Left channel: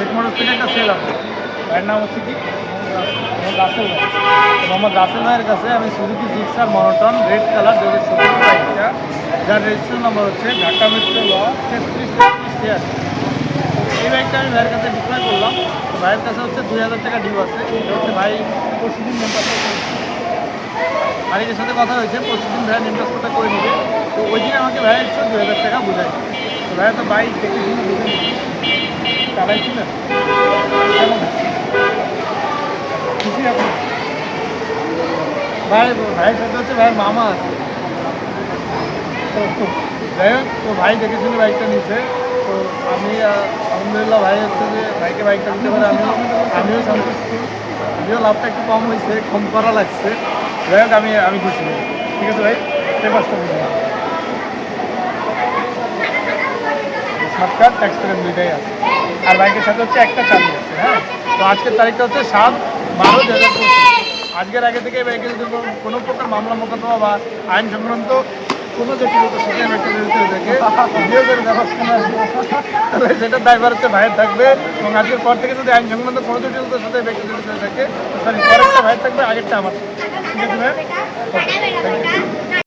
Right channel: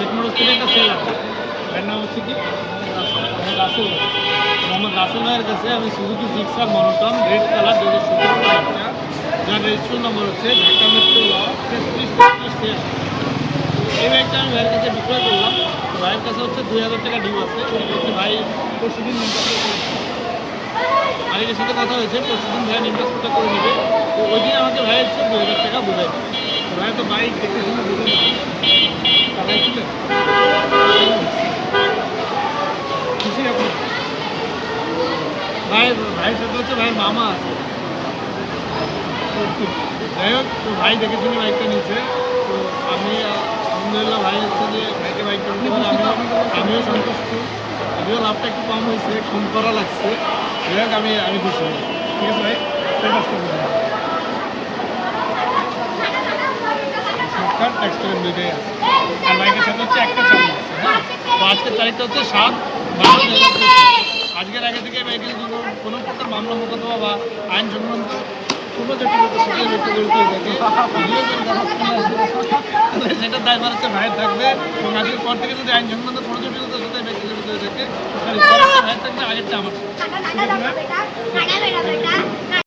Sheikh motors থেকে একটা sell আছে। ভাইয়ের নাম হচ্ছে কি রাসেল ভাই। মোহাম্মদ রাসেল ভাইয়ের কাছে আমি Suzuki Gixxer monotone red colour 2017 বাইকটা, যার রেজিস্ট্রেশন নাম্বার হচ্ছে ঢাকা মেট্রো ল 3333 এই বাইকটা আমি ভাইয়ের কাছে বিক্রয় করলাম। তো ভাইয়ের কাছে হচ্ছে 2000 টাকা ডিউ আছে। এটা হচ্ছে ভাই পরশুদিন নেম পাসপোর্ট মালিকের সাথে কথা হয়েছে, পরশুদিন ভাইয়া নেম পাসপোর্টটা করে নেবে। তো ওই দিন আমাকে ভাইয়া হচ্ছে 2000 টাকা বোঝাই। তো ভাইয়া তো বাইক দেখে শুনে বুঝে নিবি চালাইছিলেন খুশি এখন ভাইয়ের সাথে হচ্ছে ভাইয়ের মামা আছে। তো যাই হোক, তো ভাই দেখে শুনে বাইকটা নিচ্ছে। তো আমি আলহামদুলিল্লাহ ভাই হচ্ছে যে ভাইকে বাইকটা দিতে পারে আমিও সন্তুষ্ট। যদিও লাভটা একটু কম হয়েছে, কম করা লাগছে। যাই হোক আমি খুশি। ঠিক আছে ভাই, সেই পাঁচটা বুঝে শর্টকাট ট্যাক্স পেমেন্ট দুইটাই আছে। আর বাইকের সাথে হচ্ছে একটা চাবি আছে। হ্যাঁ, তো আজকের তারিখটা হচ্ছে 7/12/2025। আজকের আগে থেকে বাইকে যদি কোনো প্রকার মামলা মোকদ্দমা বা আইন সংক্রান্ত কোনো জটিলতার সাথে ব্যক্তি জড়িত হয়ে থাকে, ভিডিও করে দেখাচ্ছে সেটার দায়ভার হচ্ছে ভাইয়ের থাকবে। এবং আজকের পর থেকে যদি আইন সংক্রান্ত কোনো জটিলতার সাথে ব্যক্তি জড়িত হয়ে থাকে, সরি পরেরটা ভাইয়ের থাকবে, আগেরটা আমার। ঠিক আছে ভাই, থ্যাংক ইউ।